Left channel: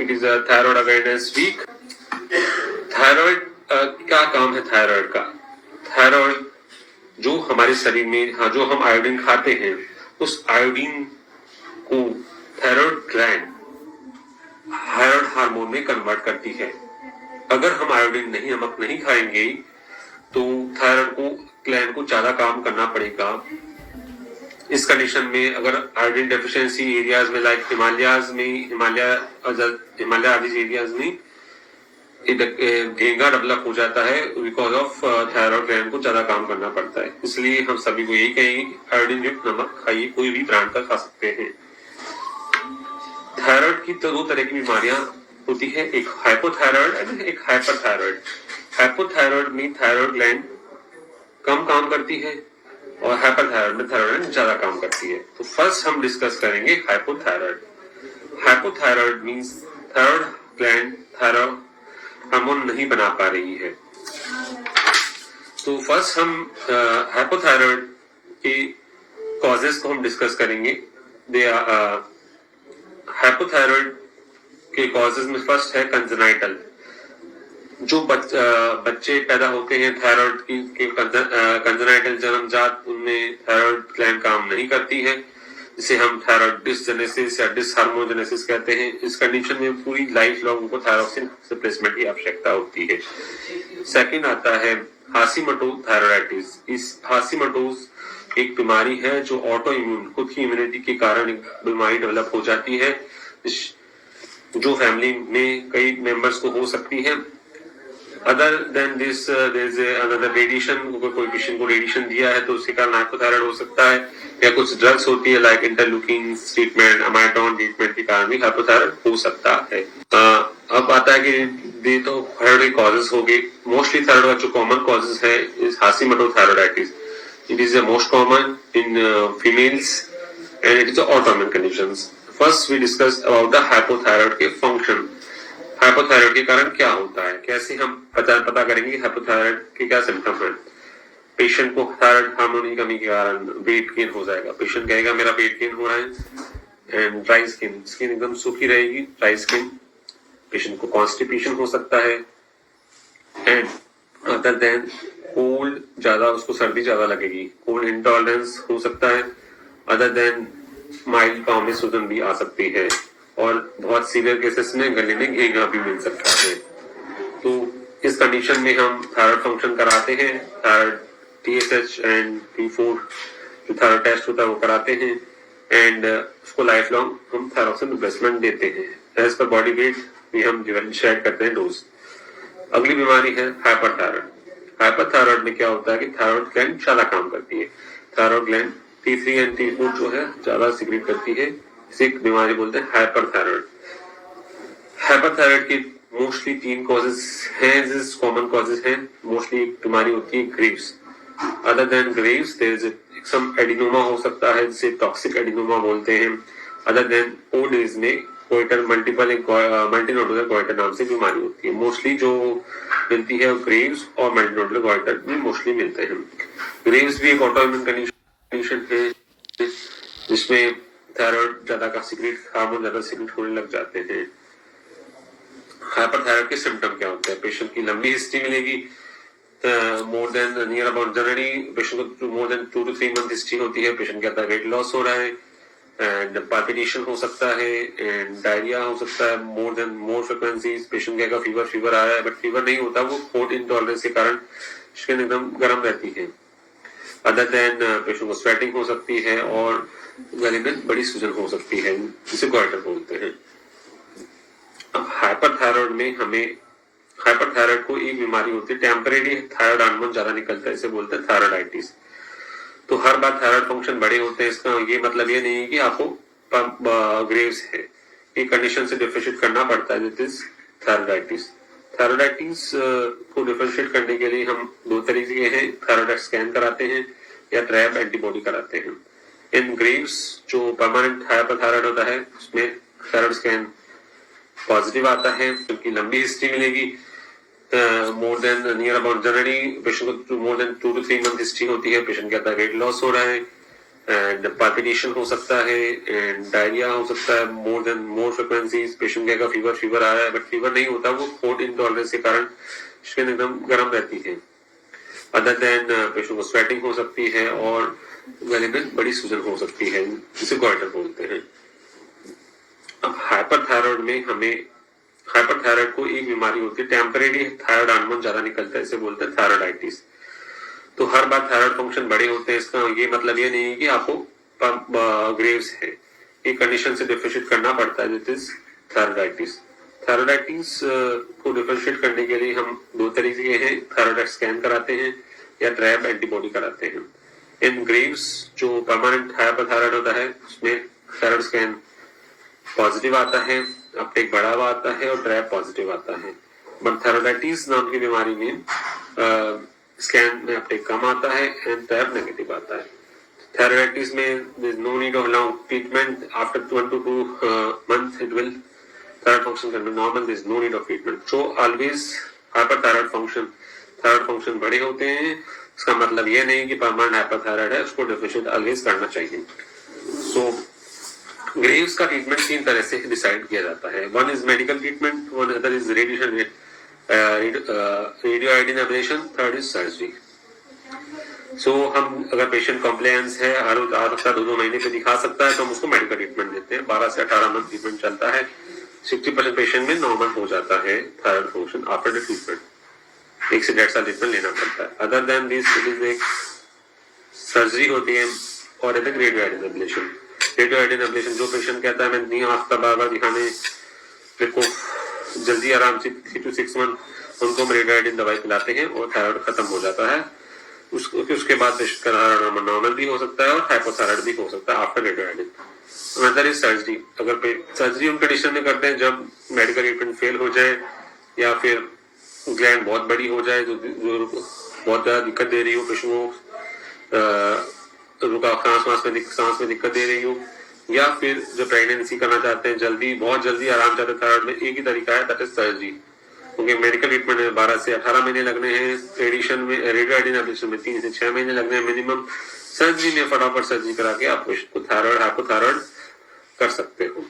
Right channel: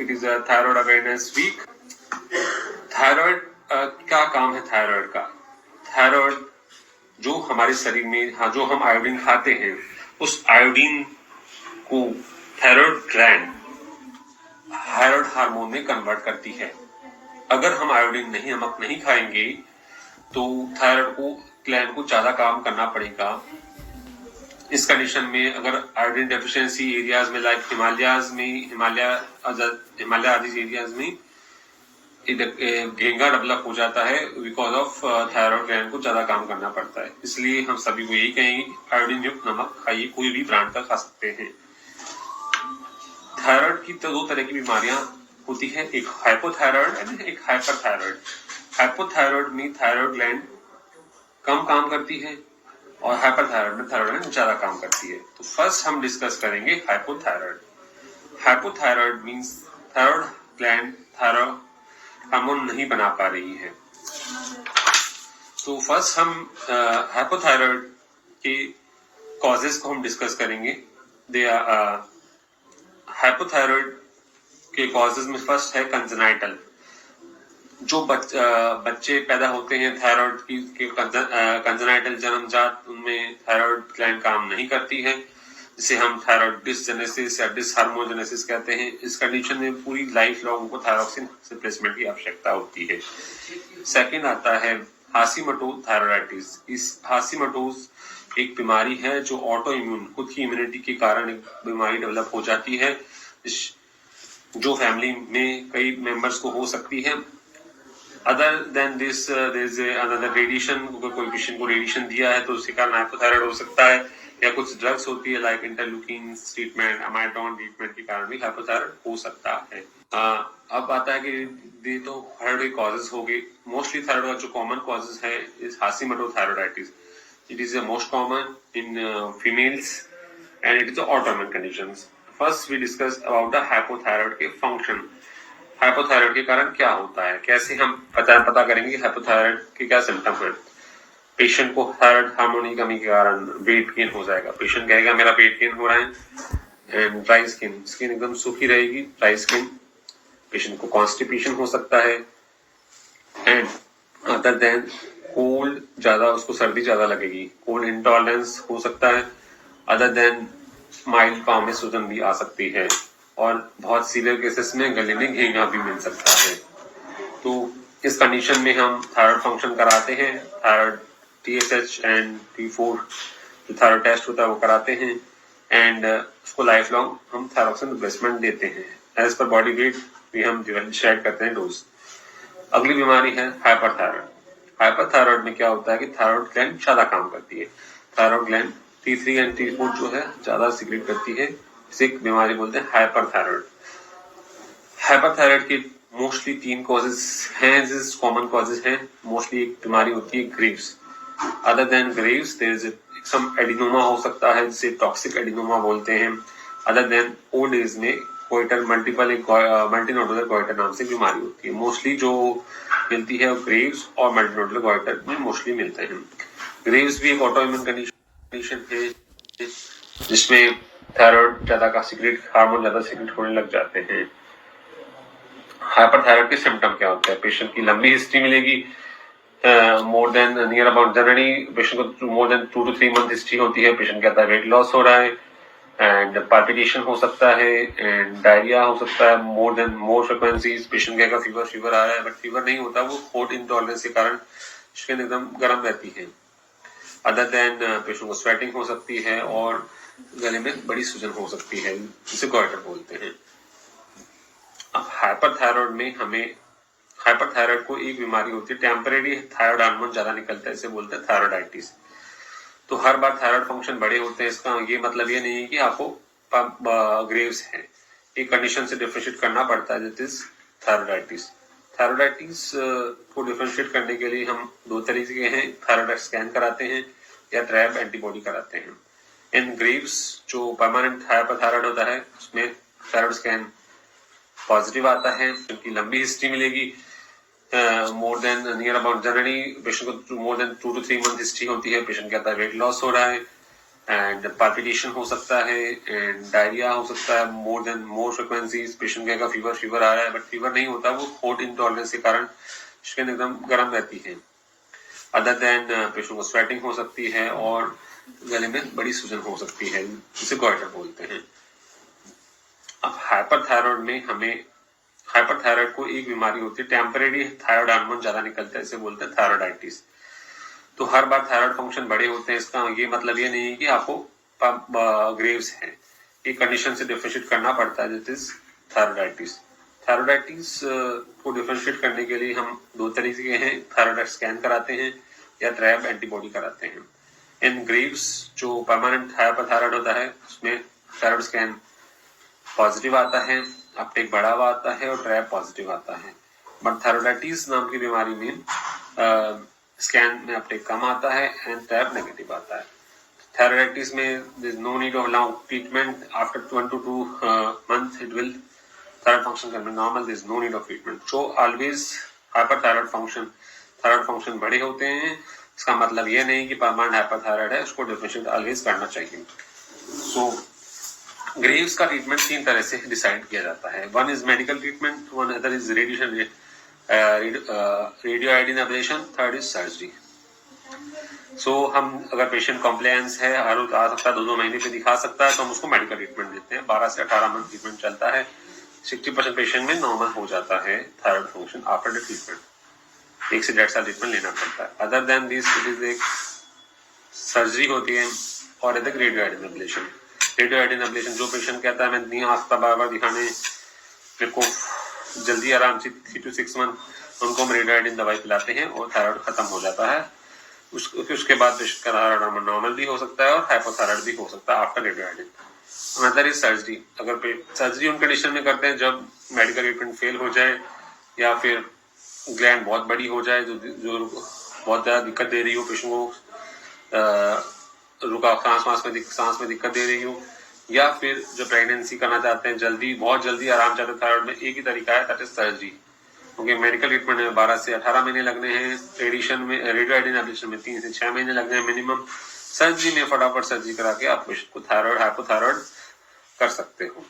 It is a thyroid awareness week. Thyroid क्या काम है थायराइड का? थायराइड जो हमारे शरीर में जो हम आयोडीन खाते हैं, उस आयोडीन को थायराइड ग्लैंड थायराइड हार्मोन में कन्वर्ट करती है। अगर हम आयोडीन नमक नहीं खाएंगे तो थायराइड को ग्लैंड को ज्यादा काम करना पड़ेगा। इस कंडीशन में अगर आयोडीन डेफिशिएंसी एरियाज में लाइक हिमालय आदि एरियाज में घेंगा डेवलप हो जाता है बिकॉज ऑफ थायराइड ग्लैंड को ज्यादा काम करना पड़ता है। इसलिए हम सभी को यही कहेंगे आयोडीन युक्त नमक खाइए, कोई भी ब्रांड का खा सकते हैं। थायराइड की दो तरह की बीमारियां होती है, एक हाइपोथायराइड एंड एक हाइपरथायराइड। हाइपोथायराइड में थायराइड ग्लैंड कम काम करती है और हाइपरथायराइड में थायराइड ग्लैंड ज्यादा काम करती है। तो फर्स्ट हम डिस्कस करेंगे hypothyroid. Hypothyroid means thyroid gland thyroid hormone नहीं बना पा रही है। तो फर्स्ट हम हाइपोथायराइड के कॉजेस को हम डिस्कस करेंगे। दे आर हाइपोथायराइड के कॉजेस में फर्स्ट है कंजेनाइटल। जो बच्चे पैदा होते हैं थायराइड के कंजेनाइटल जन्मजात, उनमें थायराइड ग्लैंड काम नहीं करती है, जिसे हम थायराइड डिसजेनेसिस या डिसहार्मोजेनेसिस कहते हैं। इस कंडीशन में पूरी लाइफ लॉन्ग उनको थायरोक्सिन रिप्लेसमेंट की आवश्यकता होती है। सेकंड आता है हाशिमोटो थायराइडाइटिस। इस हाशिमोटोस एक बीमारी है जो ऑटो इम्यून, खुद की इम्यूनिटी के कारण एक बीमारी डेवलप हो जाती है, जो फैमिली में कई मेंबर्स को हो सकती है। Other than this there is another radiation, कोई पेशेंट को रेडिएशन दिया है तो उसके कारण हाइपोथायराइड हो सकता है, या कुछ ड्रग्स होती है लाइक इंटरल्यूकिन ट्रीटमेंट, अमाइटॉन ट्रीटमेंट के कारण भी हाइपोथायराइड हो सकता है। अब आता है कि ये तो थायराइड कॉजेस हो गए। मोस्टली थायराइड का जो कॉमन कॉजेस है is Hashimoto thyroiditis. It is the most common in females and it is autoimmune conditions. First we discuss about the hypothyroid के फंक्शन। हाइपोथायराइड के कारण क्या होता है, कैसे हम पता करेंगे हाइपोथायराइड के क्या सिम्टम है। पेशेंट को थायराइड हार्मोन की कमी के कारण वेट गेन हो जाएगा। पेशेंट कहेगा मेरा वेट गेन हो रहा है। एंड ड्राई स्किन, स्किन एकदम सूखी रहेगी, ड्राई स्किन। पेशेंट को कॉन्स्टिपेशन हो सकता है। एंड अदर देन कोल्ड, ज्यादा उसको सर्दी ज्यादा लगेगी, कोल्ड इंटॉलरेंस हो सकता है। अदर देन माइल्ड पाँव में सूजन भी आ सकती है, और बहुत सीवियर केसेस में गले में घेंगा भी मिल सकता है। तो इस कंडीशन में हम थायराइड फंक्शन कराते हैं, थायराइड TSH एंड T4 जो थायराइड टेस्ट होता है वो कराते हैं, एंड उसको लाइफ लॉन्ग हम थायरोक्सिन रिप्लेसमेंट देते हैं। एज पर बॉडी वेट भी हम डिसाइड करते हैं डोज। अगली बीमारी है हाइपरथायराइड। हाइपरथायराइड में क्या होता है कि थायराइड ग्लैंड ज्यादा काम करती है। Thyroid gland T3 and T4 जो है ज्यादा सीक्रेट करती है। इसे एक बीमारी बोलते हैं हाइपरथायराइड। हाइपरथायराइड के मोस्टली 3 कॉजेस हैं, जिस कॉमन कॉजेस हैं। मोस्टली एक बीमारी होती है Graves. Other than Graves there is some adenoma हो सकता है, जिसे टॉक्सिक एडिनोमा बोलते हैं। अदर देन ओल्ड एज में गोइटर मल्टीनोडुलर गोइटर नाम से बीमारी होती है। मोस्टली जो मिलती है ग्रेव्स और मल्टीनोडुलर गोइटर में मोस्टली मिलते हैं। ग्रेव्स भी एक ऑटोइम्यून कंडीशन है जिसमें थायराइड ज्यादा का सीक्रेट हार्मोन ज्यादा सीक्रेट होने लग जाते हैं। हाइपरथायराइड के सिम्टम क्या होते हैं? पेशेंट की लंबी हिस्ट्री मिलेगी, more than near about generally patient को more than 2 to 3 month history होती है। पेशेंट कहता है वेट लॉस हो रहा है, एंड पाल्पिटेशन हो सकता है, एंड डायरिया हो सकता है मोर फ्रीक्वेंसीज। पेशेंट कहेगा फीवर आ रहा है, बट फीवर नहीं होता, वो कोल्ड इंटॉलरेंस के कारण स्किन एकदम गर्म रहती है। अदर देन पेशेंट को स्वेटिंग हो सकती है और गले में बड़ी सूजन हो सकती है, जिसे गोइटर बोलते हैं। अब हाइपरथायराइड में हाइपरथायराइड को एक बीमारी होती है, टेम्परेरी थायराइड हार्मोन ज्यादा निकलता है, इसे बोलते हैं थायराइडाइटिस। तो हर बार थायराइड फंक्शन बड़े होते हैं, इसका ये मतलब ये नहीं है कि आपको ग्रेव्स है। एक कंडीशन से डिफरेंशिएट करना पड़ता है, दैट इज थायराइडाइटिस। थायराइडाइटिस को डिफरेंशिएट करने के लिए हम 2 तरीके हैं, थायराइड स्कैन कराते हैं या ट्रैप एंटीबॉडी कराते हैं। इन ग्रेव्स जो परमानेंट हाइपरथायराइड होता है उसमें थायराइड स्कैन पॉजिटिव आता है, क्योंकि लंबी हिस्ट्री मिलेगी, more than near about generally patient को more than 2 to 3 month history होती है। पेशेंट कहता है वेट लॉस हो रहा है, एंड पाल्पिटेशन हो सकता है एंड डायरिया हो सकता है मोर फ्रिक्वेंसीज। पेशेंट कहेगा फीवर आ रहा है, बट फीवर नहीं होता, वो हॉट इंटॉलरेंस के कारण स्किन एकदम गर्म रहती है। अदर देन पेशेंट को स्वेटिंग हो सकती है और गले में बड़ी सूजन हो सकती है, जिसे गॉइटर बोलते हैं। अब हाइपरथायराइड को एक बीमारी होती है, टेम्परेरी थायराइड हार्मोन ज्यादा निकलता है, इसे बोलते हैं थायराइडाइटिस। तो हर बार थायराइड फंक्शन बड़े होते हैं, इसका ये मतलब ये नहीं है कि आपको ग्रेव्स है, एक कंडीशन से डिफरेंशिएट करना पड़ता है, दिस इज थायराइडाइटिस। थायराइडाइटिस को डिफरेंशिएट करने के लिए हम दो तरीके हैं, थायराइड स्कैन कराते हैं या ट्रैप एंटीबॉडी कराते हैं। इन ग्रेव्स जो परमानेंट हाइपरथायराइड होता है उसमें थायराइड स्कैन पॉजिटिव आता है, अपटेक बढ़ा हुआ आता है और ट्रैप पॉजिटिव आता है। बट थायराइडाइटिस नाम की बीमारी में स्कैन में अपटेक कम आता है एंड ट्रैप नेगेटिव आता है। थायराइडाइटिस में there is no need of long treatment, after 1 to 2 months it will thyroid function can be normal, there is no need of treatment. So always hyperthyroid thyroid function बड़े होते हैं, इसका मतलब यह नहीं कि परमानेंट हाइपरथायराइड है, उसको डिफरेंशिएट ऑलवेज करना चाहिए। सो ग्रेव्स का ट्रीटमेंट तीन तरह से डिसाइड किया जाता है, one is medical treatment, one other is radio iodine ablation, third is surgery. So हम अगर पेशेंट कॉम्प्लायंस है, हर आ सकता है 2-2 महीने पे दिखा सकता है, तो हम उसको मेडिकल ट्रीटमेंट देते हैं। 12 से 18 मंथ ट्रीटमेंट चलता है। 60% पेशेंट में नॉर्मल हो जाता है thyroid function after the treatment. 1 से 1.5 साल ट्रीटमेंट लेना पड़ता है। Other than this it is एक सर्जरी होती है और एक radio iodine ablation. Radio iodine ablation जो पेशेंट कहता है मैं नहीं आ सकता बार-बार दिखाने, मेरे को जल्दी आराम से 3 to 6 मंथ, उनको हम रेडियो आयोडीन दवाई पिलाते हैं और थायराइड खत्म हो जाता है। उसके बाद पेशेंट का थायराइड नॉर्मल भी हो सकता है और हाइपोथायराइड भी हो सकता है after radio iodine. Another is surgery. अगर सर्जरी उन कंडीशन में करते हैं जब मेडिकल ट्रीटमेंट फेल हो जाए या फिर ग्लैंड बहुत बड़ी हो जाए, जो बहुत ज्यादा दिक्कत दे रही हो पेशेंट को, रुका सांस में दिक्कत दे रही हो, या फिर जो प्रेगनेंसी करना चाहते हैं जल्दी, बहुत जल्दी आराम चाहते हैं थायराइड में, एक ही तरीका है, दैट इज सर्जरी। क्योंकि मेडिकल ट्रीटमेंट में 12 से 18 महीने लगने हैं, रेडियो आयोडीन एब्लेशन में 3 से 6 महीने लगने हैं मिनिमम। सर्जरी में फटाफट सर्जरी करा के आप पेशेंट को थायराइड हाइपोथायराइड कर सकते हो।